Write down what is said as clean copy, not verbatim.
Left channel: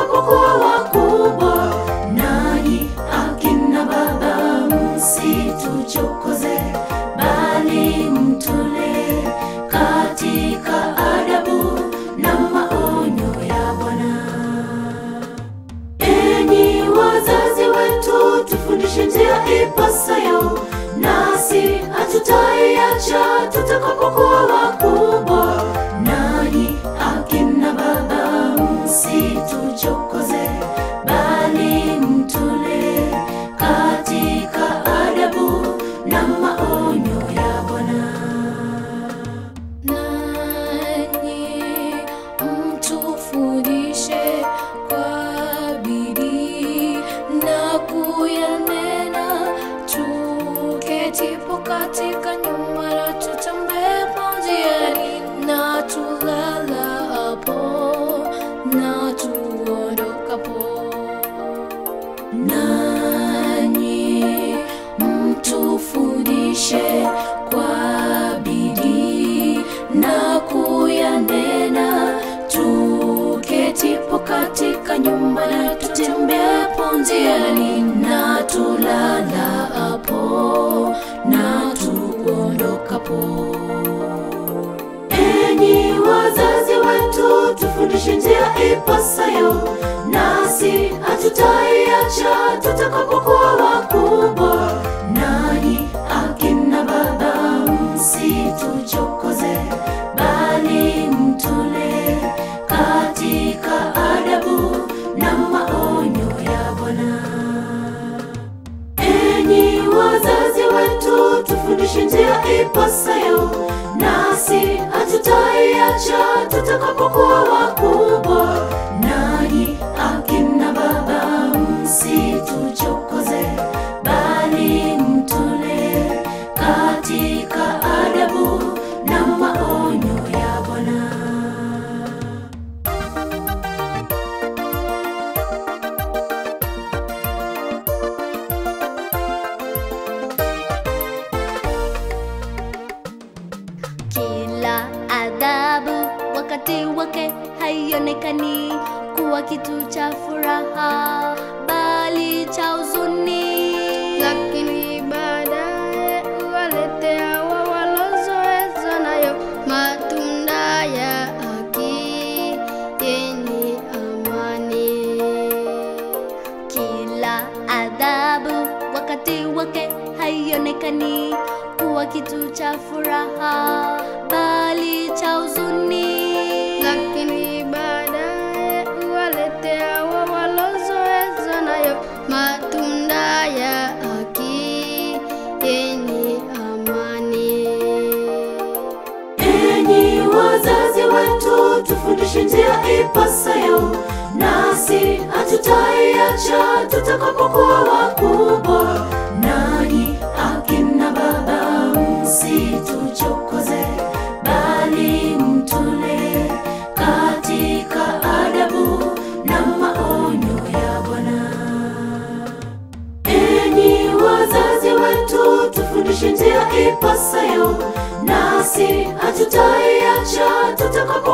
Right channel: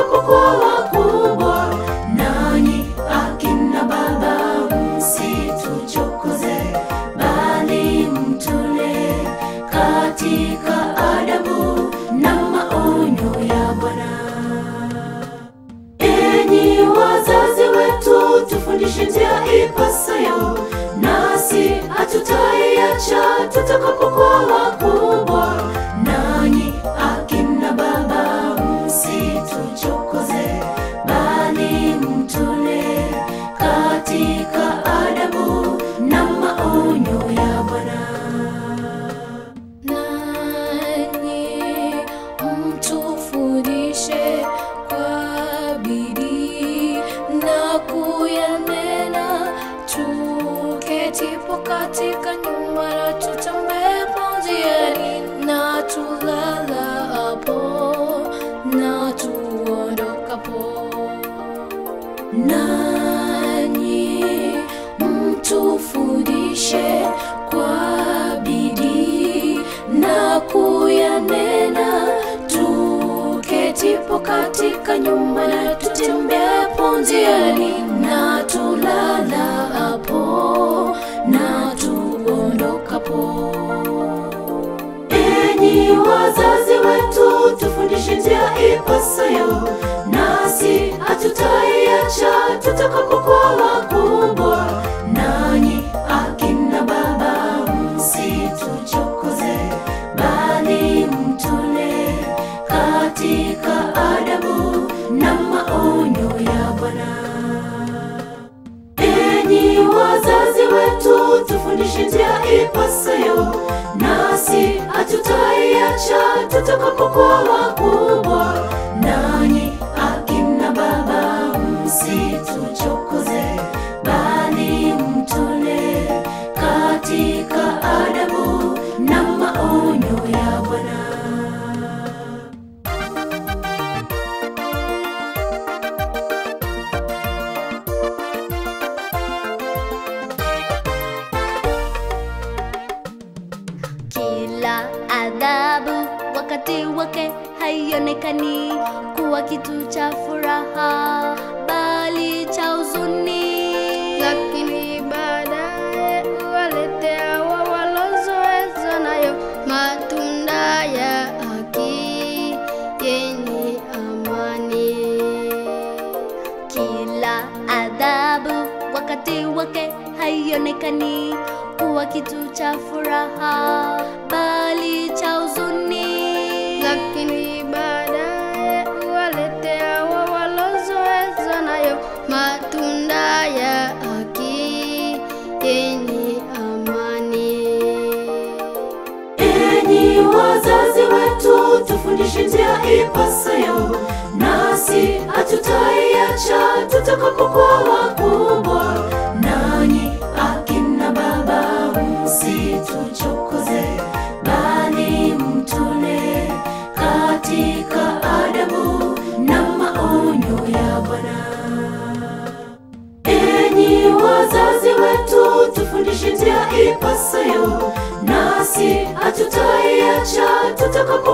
tutakapokuwa wakubwa. Nanyi akina baba msituchokoze, bali mtule katika adabu na maonyo ya Bwana. Enyi wazazi wetu, tufundishe njia ipasayo, nasi hatutaiacha tutakapokuwa wakubwa. Nanyi akina baba msituchokoze, bali mtule katika adabu na maonyo ya Bwana. Nanyi mtufundishe kwa bidii na kuyanena, tuketipo katika nyumba na tutembepo njiani, na tulalapo na tuondokapo. Nanyi mtufundishe kwa bidii na kuyanena, tuketipo katika nyumba na tutembepo njiani, na tulalapo na tuondokapo. Enyi wazazi wetu, tufundishe njia ipasayo, nasi hatutaiacha tutakapokuwa wakubwa. Nanyi akina baba msituchokoze, bali mtule katika adabu na maonyo ya Bwana. Enyi wazazi wetu, tufundishe njia ipasayo, nasi hatutaiacha tutakapokuwa wakubwa. Nanyi akina baba msituchokoze, bali mtule katika adabu na maonyo ya Bwana. Kila adhabu wakati wake haionekani kuwa kitu cha furaha, bali cha huzuni, lakini baadaye huwaletea wawalozoezwa nayo matunda ya haki yenye amani. Kila adhabu wakati wake haionekani kuwa kitu cha furaha, bali cha huzuni, lakini baadaye huwaletea wawalozoezwa nayo matunda ya haki yenye amani. Enyi wazazi wetu, tufundishe njia ipasayo, nasi hatutaiacha tutakapokuwa wakubwa. Nanyi akina baba msituchokoze, bali mtule katika adabu na maonyo ya Bwana. Enyi wazazi wetu, tufundishe njia ipasayo, nasi hatutaiacha tutakapokuwa